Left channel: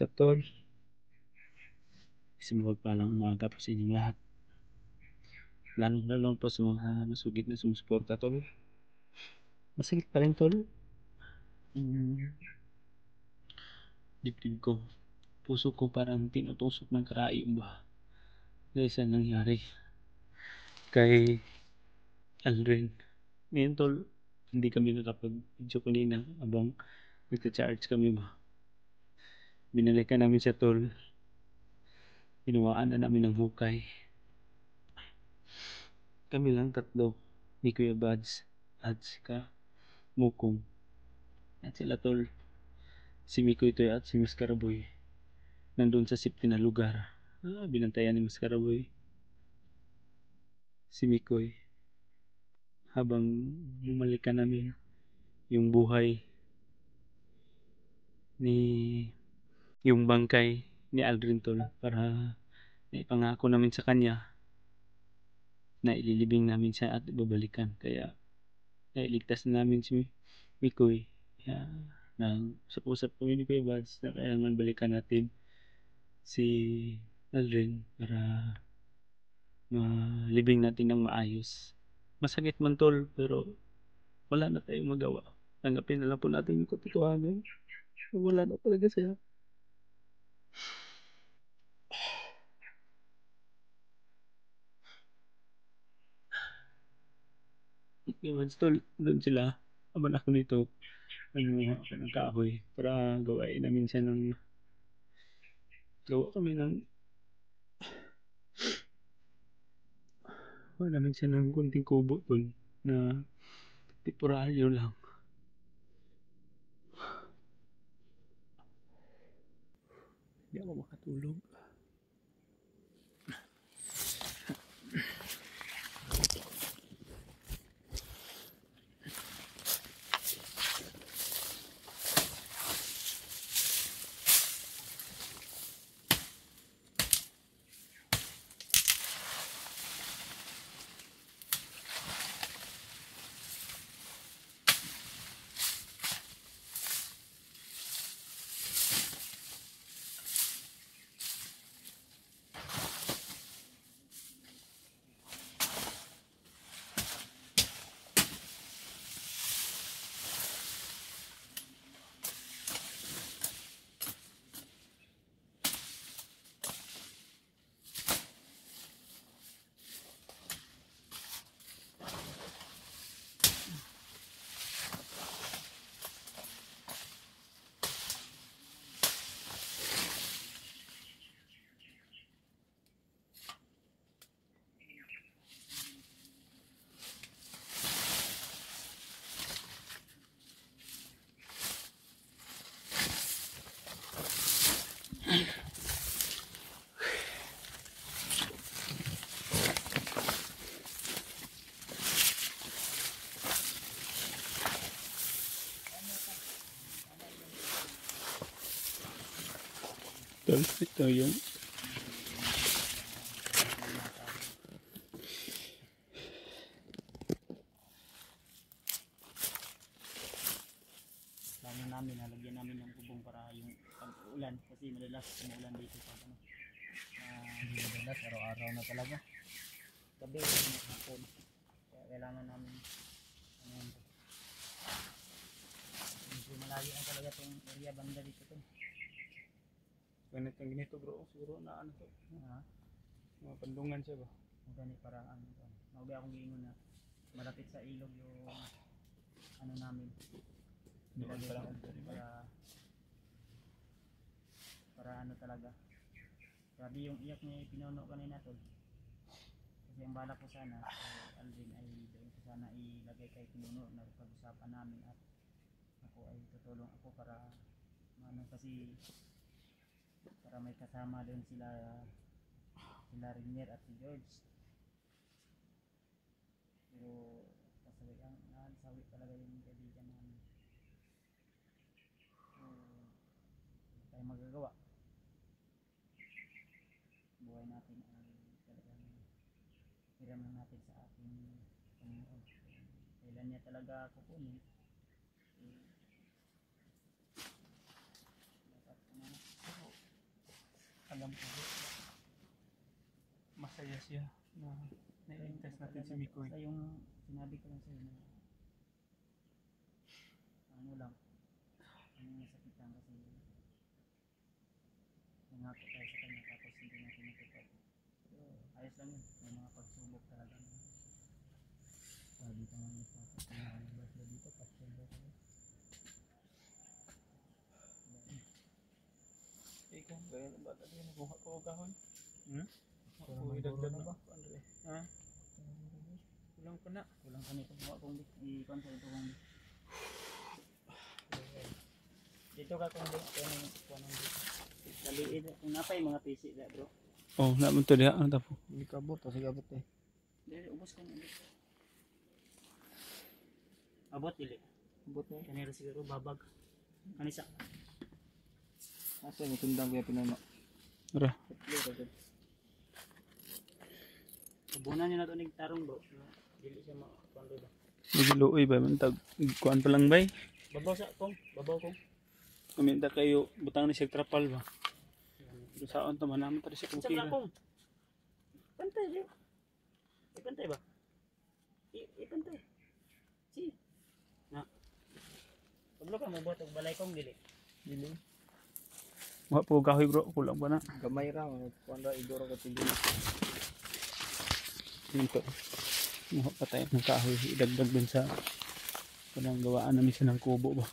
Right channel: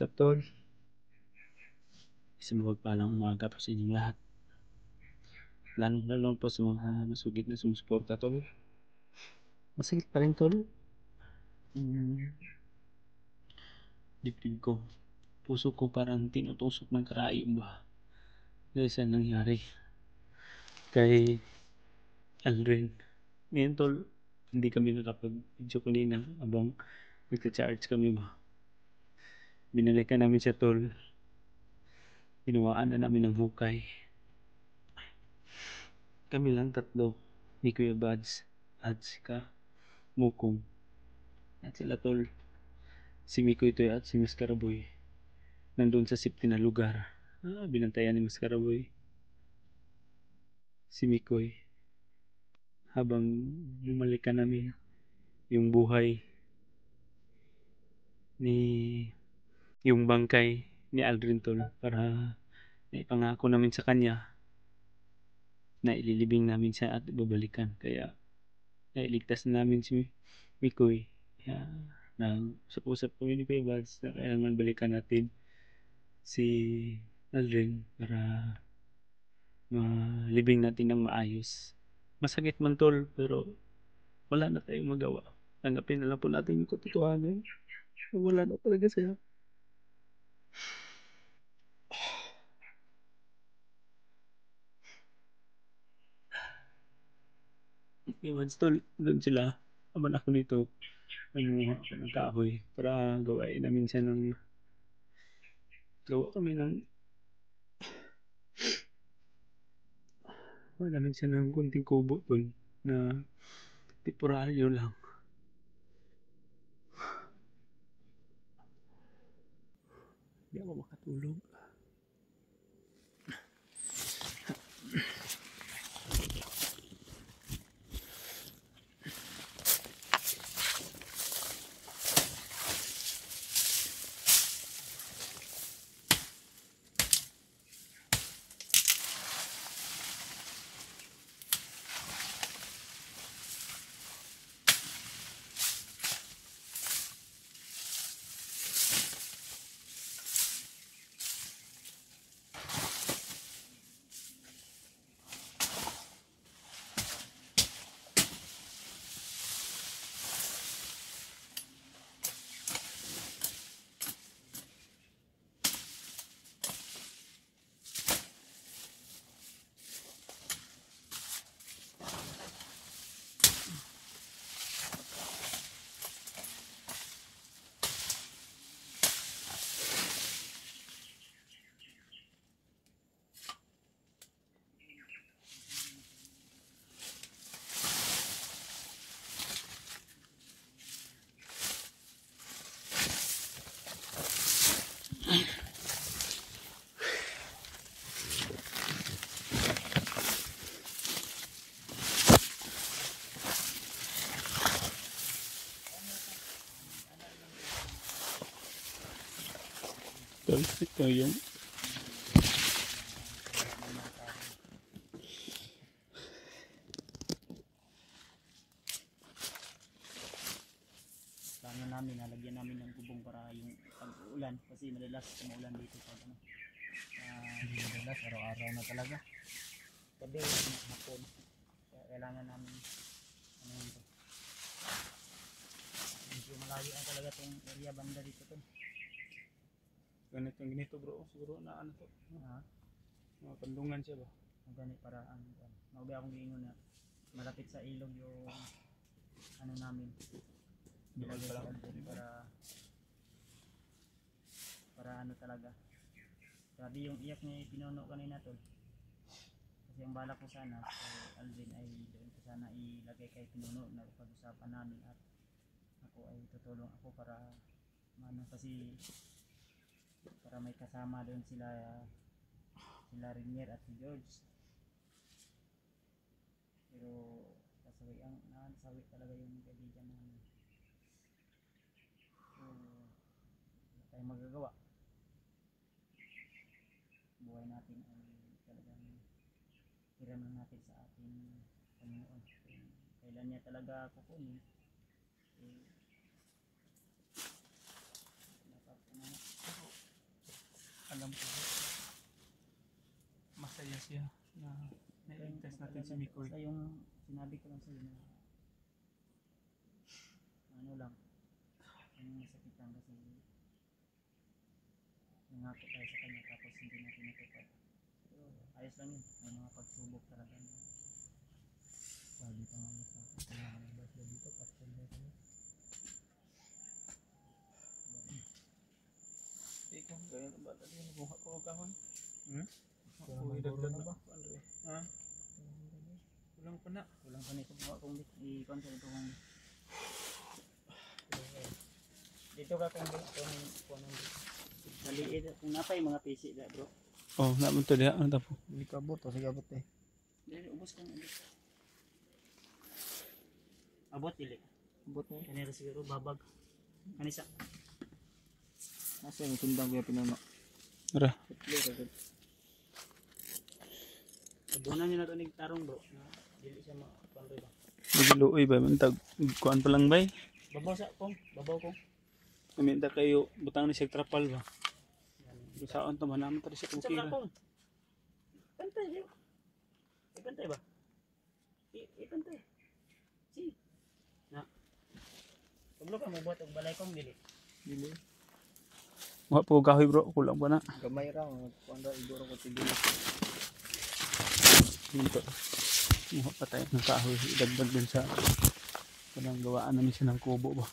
What's up, tol? Isang mapagpalang umaga po sa inyong lahat. Lalong-lalo po sa mga masugid na sumusuporta, tol. Masakit pa rin, tol. Mm, dibdib ko. Puso ko parang tinutusok ng karayom ba. Dahil sa nangyari kay Aldrin. Ngayon, tol, hindi kami nakapag-video kanina habang nagka-charge kami ba. Binalikan namin siya, tol. Hinawaan na namin ng hukay. Kami lang tatlo. Ni Kuya Bads at si Mukong. At sila, tol. Si Mikoy Toy at si Miss Karaboy nandun sa safety na lugar. Binantayan ni Miss Karaboy si Mikoy habang bumalikan namin yung buhay ni yung bangkay ni Aldrin, tol, para naipangako namin sa kanya na ililibing namin siya at babalikan. Kaya nailigtas na namin si Mikoy. Kaya nag-usap kami ni Kuya Vals na kailangan balikan natin si Aldrin para malibing natin ng maayos. Masakit man, tol, pero wala na tayong magawa. Tanggapin na lang po natin yung katotohanan. Wala na talaga siya. Okay, once, tol, doon sila. Aman ako nito. Ano, ako ng kahoy para gawain namin siya ng gawa kami ng gawa namin siya ng kunting kubo, tol, na temporaryo lang. Hindi ako makatulog. Tol, ito yung plano namin, nalagyan namin ng kubong para yung pag-uulan, kasi madalas umuulan dito pag ano, hindi madalas, araw-araw na talaga, gabi, hapon, kaya kailangan namin ano yun to, medyo malayo ang talaga itong area banda dito to. ganito bro, siguro na ano to, mga pandungan siya ba? Magani para ano, mabi akong giingon na malapit sa ilog yung ano namin, Doon pa lang para ano talaga, grabe yung iyak niya pinuno kanina tol, kasi ang bala ko sana so Aldrin ay doon ko sana ilagay kay pinuno na pag-usapan namin at ako ay tutulong ako para ano, kasi para may kasama doon sila Rinier at si George, pero kasawi ang nasawi talaga yung kaibigan namin, so wala tayong magagawa, buhay natin ay talagang hiram lang natin sa ating Panginoon, kailan niya talaga kukunin dapat ano, siya na nailigtas natin si Mikoy. Basta yung sinabi ko lang sa'yo na ano lang, ang nasakitan kasi nangako tayo sa kanya tapos hindi natin natupad. So, ayos lang yun. May mga pagsubok talaga na sabi ka nga sa basla dito, pastel ba kami? Ikaw, gaya na ba tayo nakuha ko kahoy? Ako, Kulang idagdag na na ba? ako, Andre. Ha? Kulang pa na. Kulang pa nito mga kung i-con sa ito kung dito ka kung kung daliid kung napay mga PC da bro. Oh, naman to diha, ano tapo? Hindi ka abot, kasi abot eh. Dili, ubos ka nga. Abot, dili. Abot mo. Kanira siguro, babag. Kanisa. Nasa yung tundang kuya pinuno. Ara. Sabunan nyo na ito ng tarong bro. Dili siya makapando ba. Nagiluoy ba? Mantag, kuhaan pa lang bay? Babaw sa kong, babaw kong. Kaminta kayo, butang ni siya trapal ba? Saan to man naman tadi siya kukira. Pantay yun. Ipantay ba? Ipantay. Si. Na. Pablo ka mo buhat og balay kong dili. Dili. Mga po kahoy bro, kulang pa na. Gamay ra, kuan ra idoro ko tigil. Dito. Mga pa tayo ng kahoy, idagdag dun sa kanang gawaan namin siya ng kubo ba.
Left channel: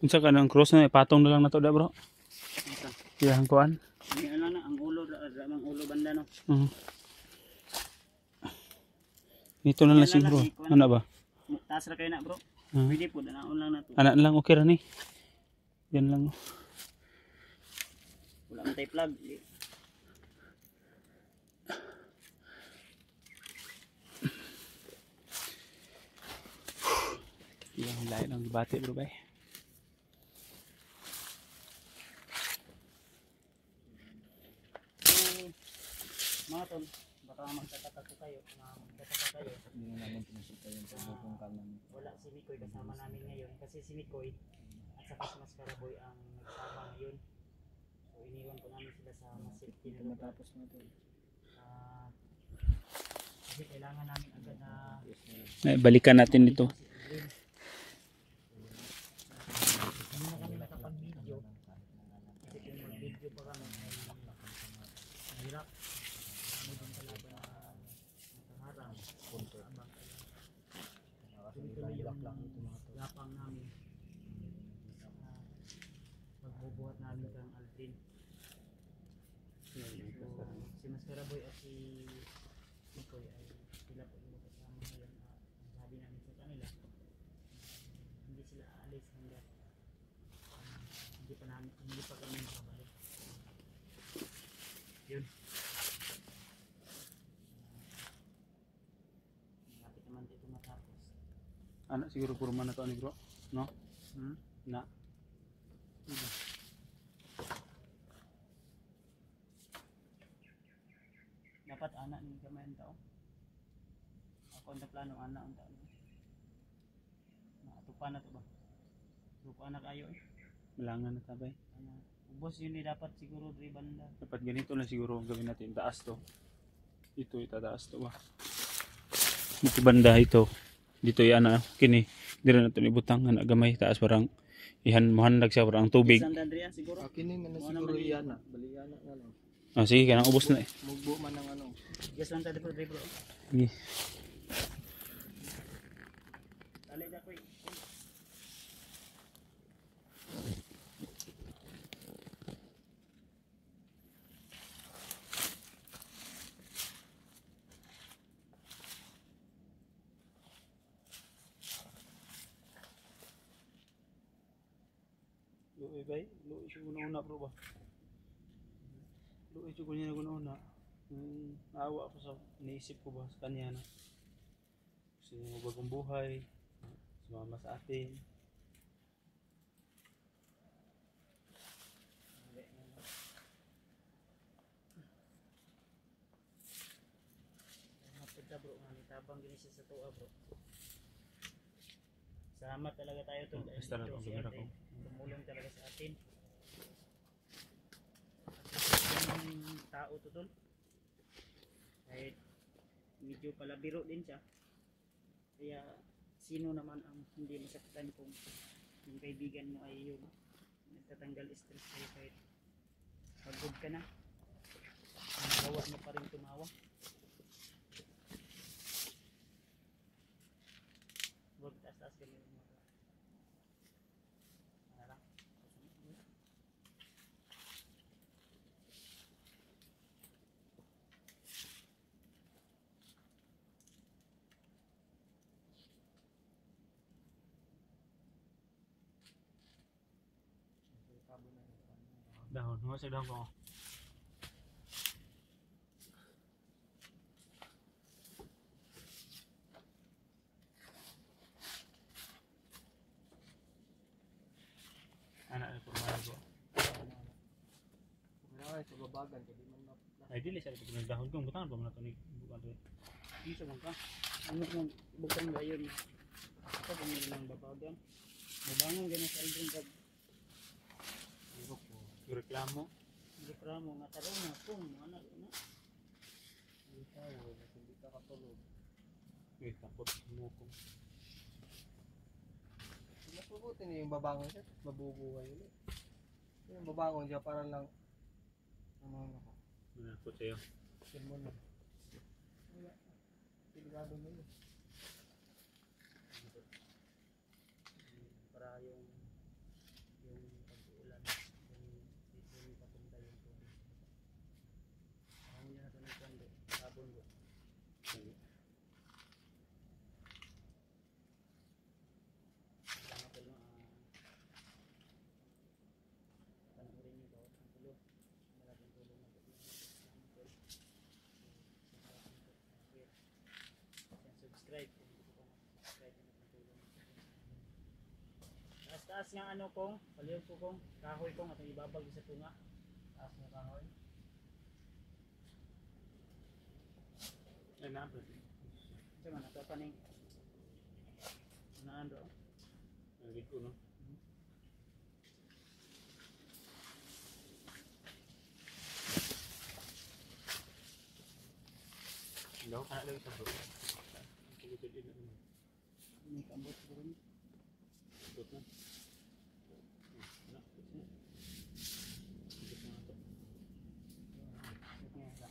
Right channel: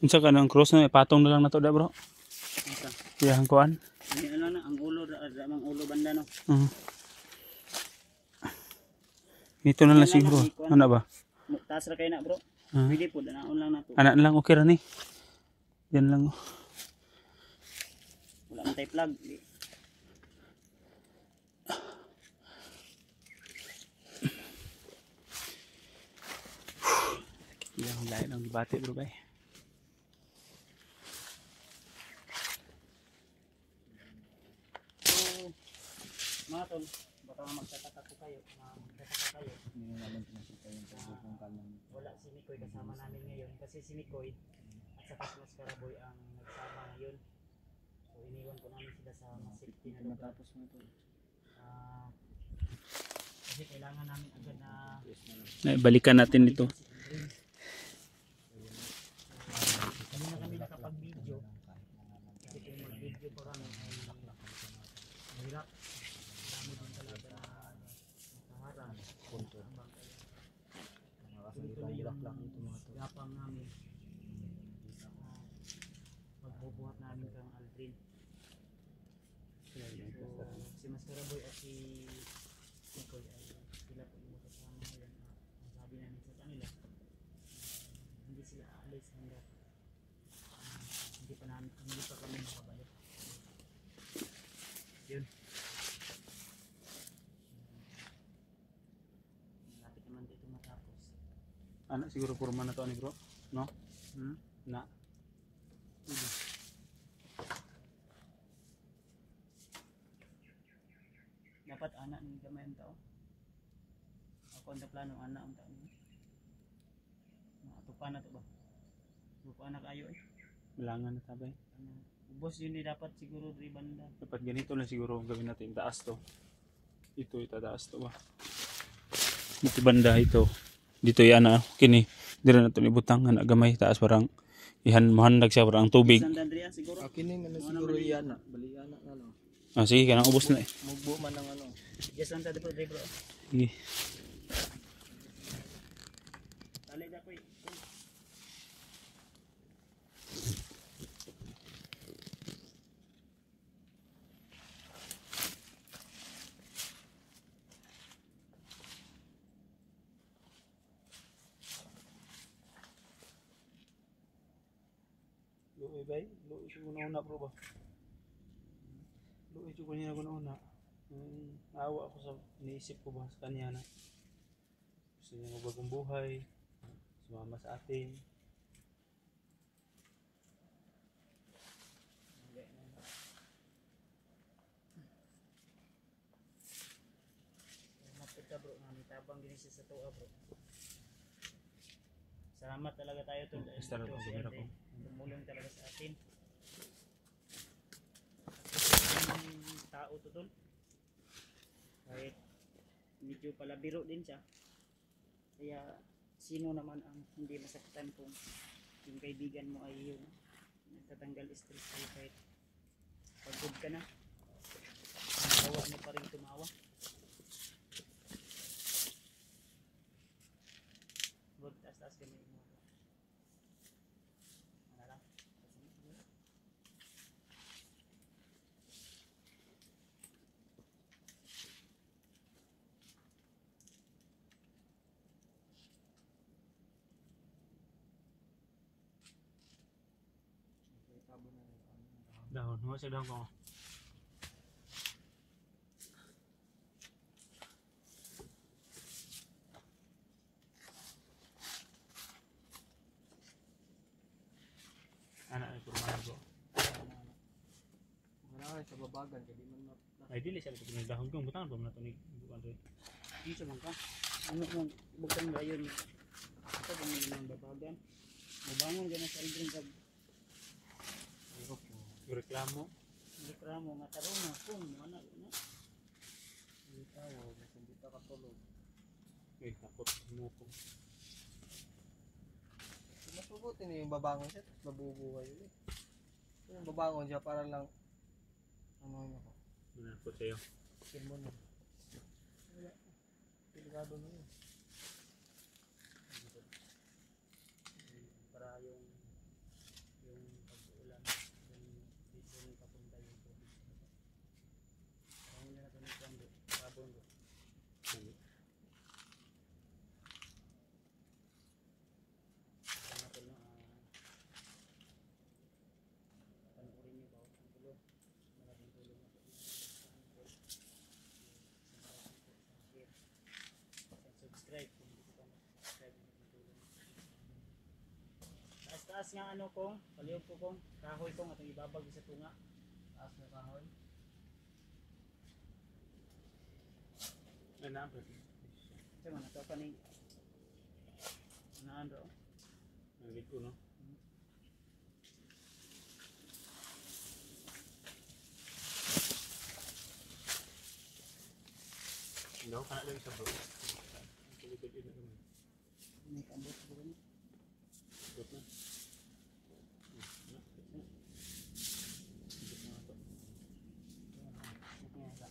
Unsa ka ng cross na ipatong na lang na to da bro? Yeah, ang kuan. Ani ano na ang ulo ang ulo banda no. Ito na lang siguro. Ano ba? Taas ra kay na bro. Pwede po danaon lang nato. Anak lang okay ra ni. Yan lang. Wala man tay plug. Yang lain ang gibati bro bay. Mga tol, baka magtataka ko kayo, magtataka kayo. Hindi naman pinasita yung pagkakong kanan. Wala si Mikoy kasama namin ngayon kasi si Mikoy at saka si Mascaraboy ang nagsama ngayon. So iniwan ko namin sila sa mas safety na lugar. Matapos mo tol. Kasi kailangan namin agad na Balikan natin dito. Hindi na kami nakapag-video kasi kung mag-video pa kami ay mahirap. Marami din kalaban na nakaharang. Abang kaya. Tuloy-tuloy yung gapang namin. Magbubuhat namin kang Aldrin. So, si Mascaraboy at si Mikoy ay sila po yung kasama ngayon. Ang sabi namin sa kanila, hindi sila aalis hanggat hindi pa kami nakabalik. Yun. Malapit naman dito matapos. Anak siguro purma na to ni bro, no? Na. Dapat anak ni gamay ang tao. Ako ang plano anak ang tao. Nakatupan na to ba? Suko anak ayo eh. Malangan na tabay. Ubos yun eh dapat siguro dari banda. Dapat ganito lang siguro gawin natin. Taas to. Ito itataas to ba? Ito banda ito. Dito yan na kini. Dira na to ni butang na gamay taas parang ihan mahandag siya parang tubig. San Andreas siguro. Kini na siguro yan na. Bali yan na ano. Ah sige kanang ubos na eh. Mugbo man ang ano. Just one bro. Sige. Dali na ko. Luoy bay, luoy siya una bro ba? Luoy siya kunya una. Naawa ako sa iniisip ko ba sa kanya na gusto niya magbagong buhay, sumama sa atin. Mapita bro, tabang gini siya sa tuwa bro. Salamat talaga tayo tol dahil Basta na ito itong si ginara Ate. ko. Tumulong talaga sa atin. Ang tao to tol. Kahit medyo palabiro din siya. Kaya sino naman ang hindi masaktan kung yung kaibigan mo ay yun. Nagtatanggal stress sa'yo kahit pagod ka na. Ang gawa niya pa rin tumawa. Huwag taas-taas gamay mo. Ano lang? Dahon, mo sa dahon ko. Anak ni kurma ko. Kailangan sa babagan kaya di man Ay dili sa pag dahon ko butangan pa man to ni bukan to. Hindi sa mga ano mong bukang gayon. Ito kung hindi nang babagan. Mabangon din sa aldrin kag Reklamo. reklamo nga tarong na kung ano na. Hindi tawo, hindi ka katulog. Eh takot mo ko. Masubuti na yung babangon siya, mabubuhay ulit. Yung babangon siya para lang ano niya ko. Manakot sa'yo. Skin mo na. Wala. Delikado na yun. Para yung pag-uulan yung papunta yung tubig. Parang hindi na ito ng kwando. Sabon bro. Sana po no, panoorin niyo bawat ang tulo. Malaking tulong na po yun sa amin po. Isang malaking po sa share. Isang subscribe kung hindi ko pa mag-subscribe na malaking tulong na po. Taas-taas nga ano kong, palihog ko kong, kahoy kong atong ibabag sa tunga. Taas na kahoy. Ay na bro. Kasi man, ito pa ning anaan bro. Nagit ko no. Daw kana lagi sa bro. Kulit din naman. May kambot po rin. Ikot na. Ikot na ito. Ikot nga sa.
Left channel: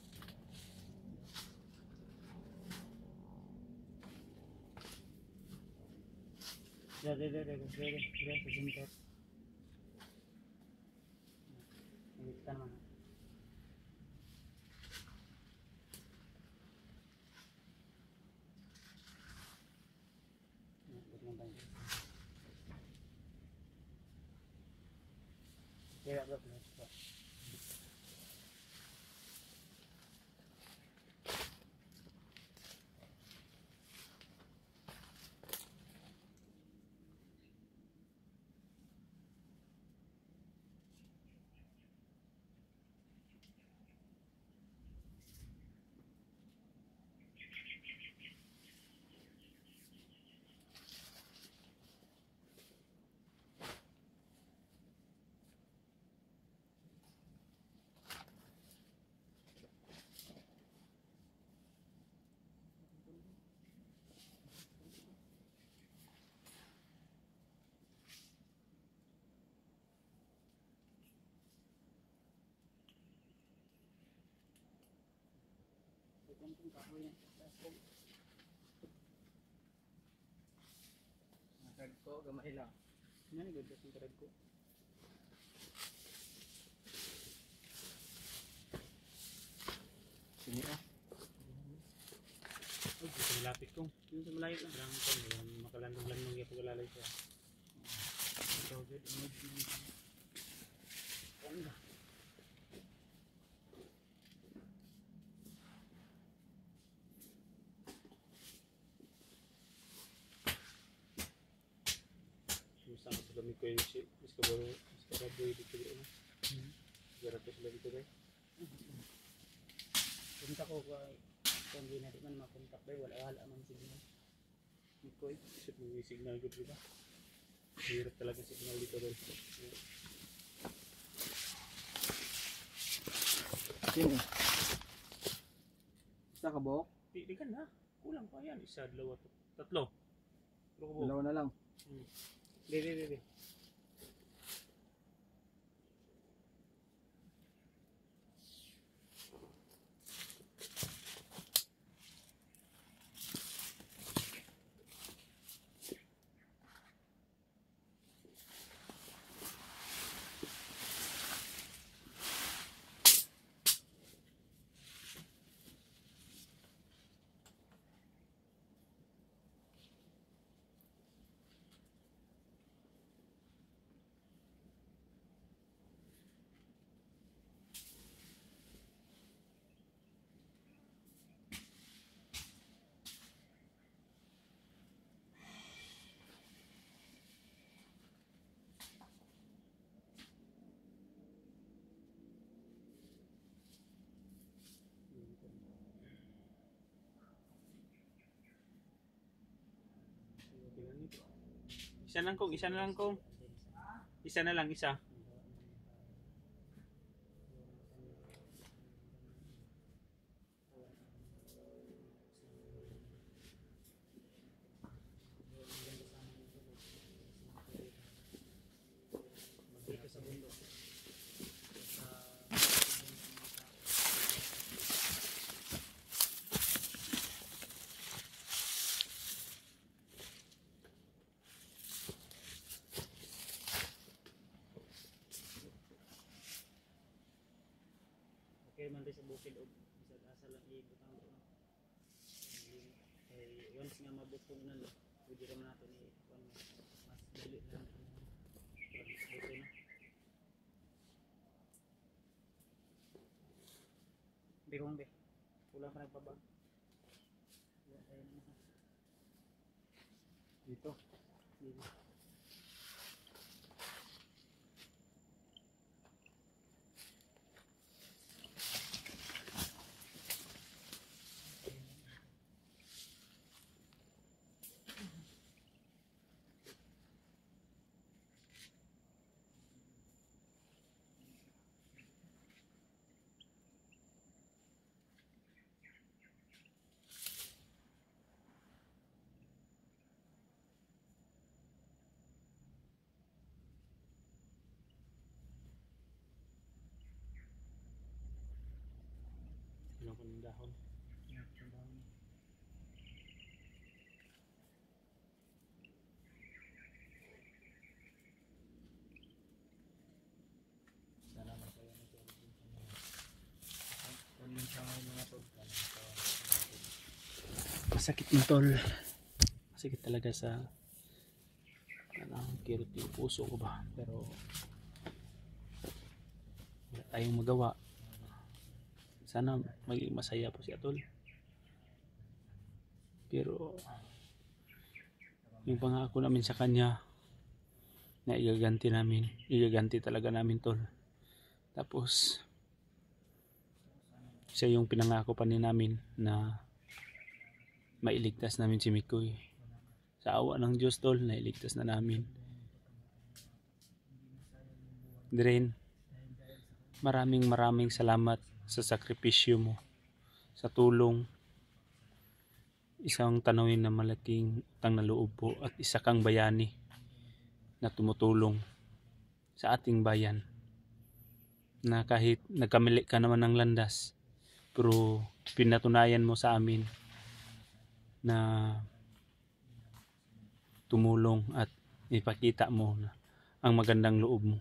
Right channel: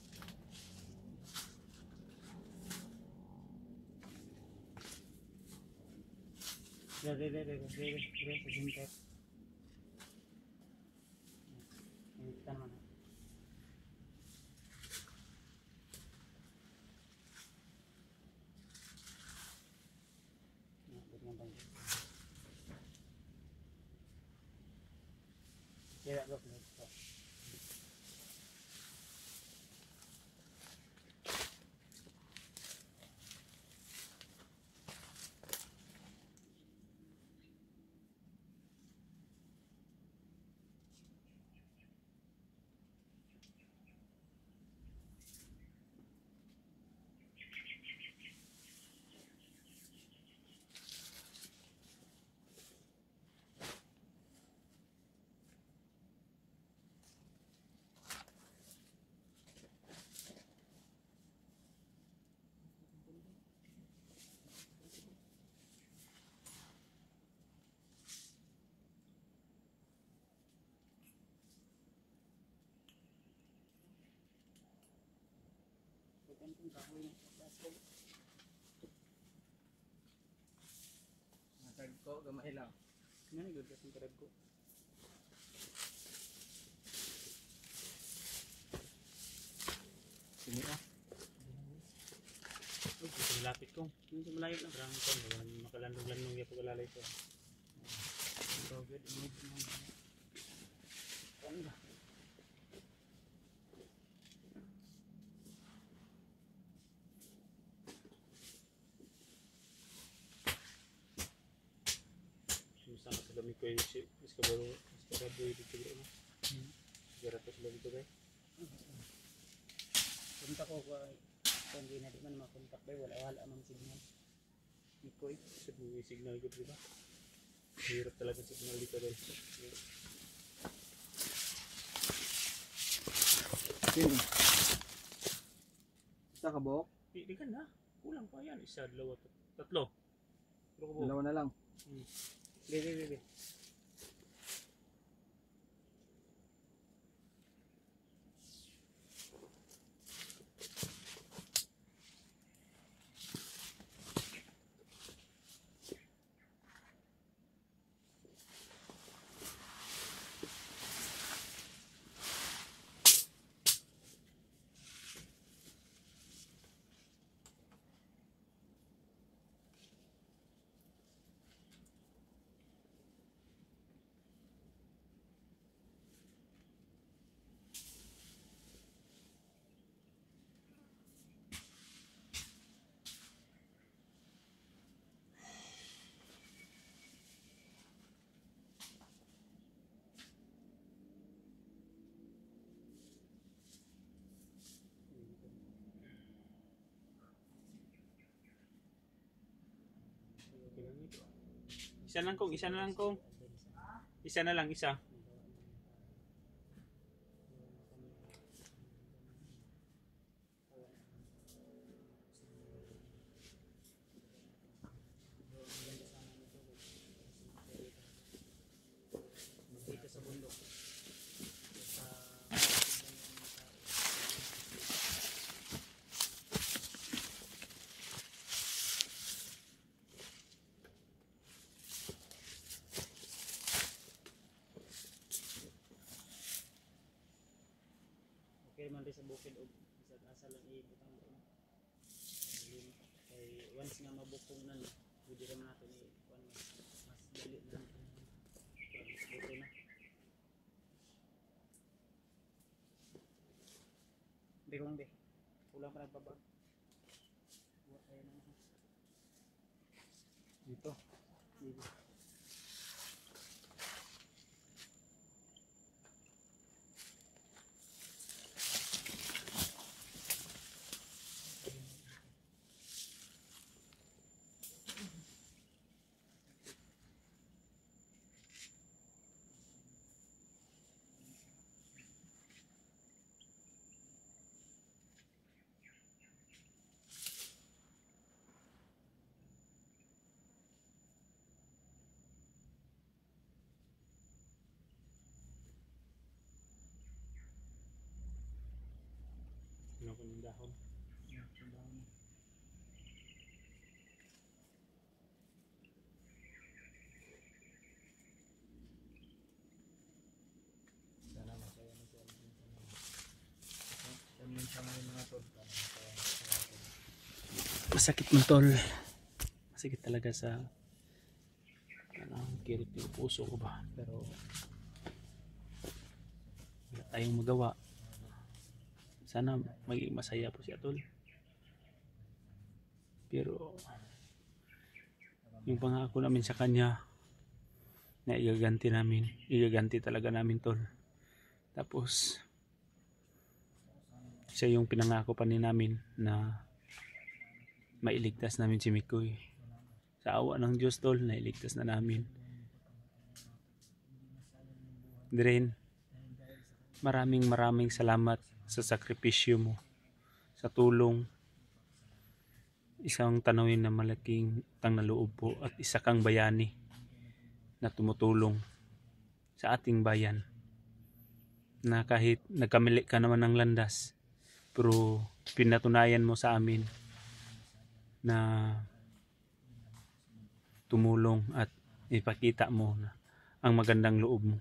Dire sa singkot. Kita naman. Kaya bro, kung kahoy ng plastic. Matag ko, gamay lang. Ano good kasing karag ko. Sini oh. Uy, ito lapit ko. Yung sa malayo lang. Parang ko, makalandong-landong yung pagkalalay ko. So good, image mo. Ganda. Sumusang sa lamig ko yung ship. Mas kababoy dito bro. Sigara pa sa lamig ko ba? Punta ko kung hindi na di man makontak ba, wala mang signal. Ikoy, kasi may signal ko diba? Hirap talaga signal dito rin. Sini. Isa ka buhok? Di ka na. Kulang pa yan. Isa, dalawa, tatlo. Pero ko Dalawa na lang. Di. Isa na lang kong. Isa na lang, isa. Dito sa bundok. Okay man rin sa bukid o bisag asa lang ibutang doon. Kay once nga mabukong nan, pwede rin nato ni mas dali na buto na. Bigong be. Kulang pa nagpabag. Buwa tayo naman. Dito. Dito. Ano ko ng dahon. Yeah, sundahan. Sana masaya na siya. Kung minsan nga yung mga tol. Masakit mo tol. Masakit talaga sa kirot yung puso ko ba. Pero wala tayong magawa. Sana maging masaya po si Atol. Pero yung pangako namin sa kanya na igaganti talaga namin tol. Tapos siya yung pinangako pa ni namin na mailigtas namin si Mikoy. Sa awa ng Diyos tol, nailigtas na namin. Dren, maraming salamat sa sakripisyo mo, sa tulong. Isang tanawin na malaking utang na loob po at isa kang bayani na tumutulong sa ating bayan. Na kahit nagkamali ka naman ng landas, pero pinatunayan mo sa amin na tumulong at ipakita mo na ang magandang loob mo.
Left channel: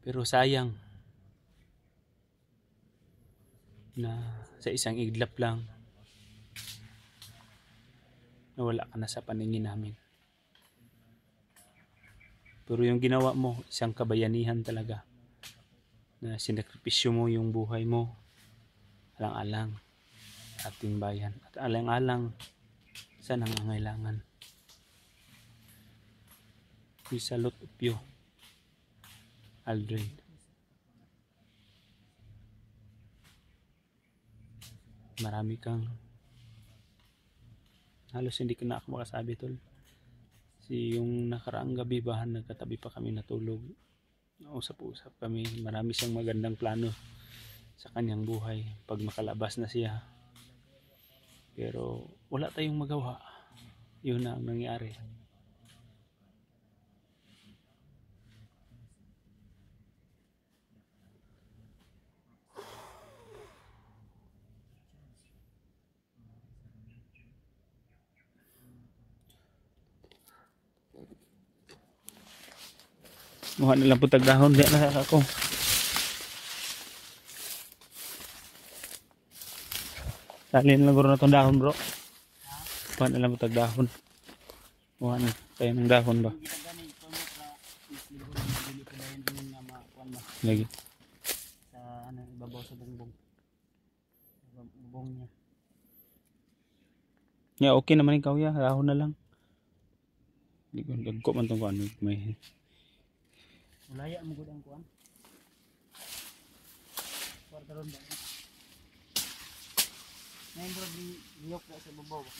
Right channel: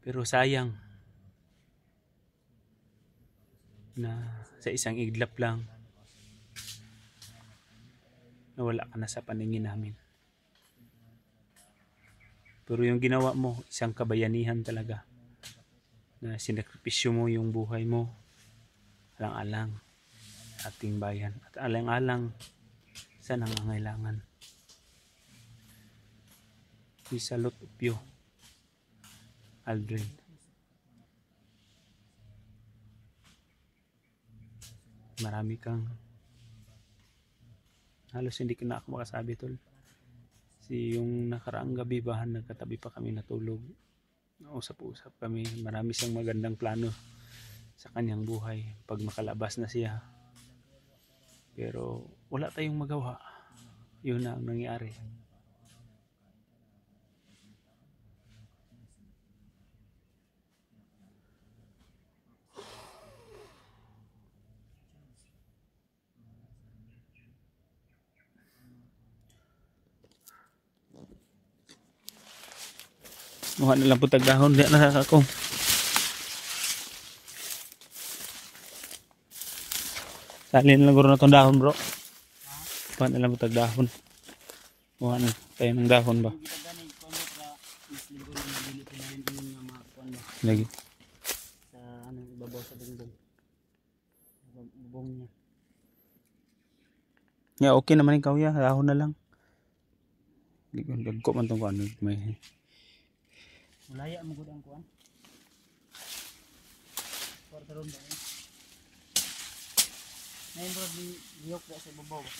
Pero sayang na sa isang iglap lang nawala ka na sa paningin namin. Pero yung ginawa mo, isang kabayanihan talaga, na sinakripisyo mo yung buhay mo alang-alang sa ating bayan at alang-alang sa nangangailangan. We salute of you, Aldrin. Marami kang, halos hindi ko na ako makasabi, tol. Yung nakaraang gabi ba, nagkatabi pa kami natulog, usap-usap kami, marami siyang magandang plano sa kanyang buhay pag makalabas na siya, pero wala tayong magawa. Yun na ang nangyari. Muha na lang po tagdahon, di na ako. Salin lang guro na itong dahon, bro. Muha na lang po tagdahon. Muha na tayo ng dahon ba? Hindi kita ganit ko mo para mas libro na mabili ko na yun nga makuan mo Lagi. sa ano ibabaw sa bungbong. Bubong niya. Yeah, okay naman ikaw ya, dahon na lang. Dagko man itong kuan, may Ulaya mo gud ang kuan. Kwarta ron ba? Ngayon bro, liyok ba sa ibabaw ba?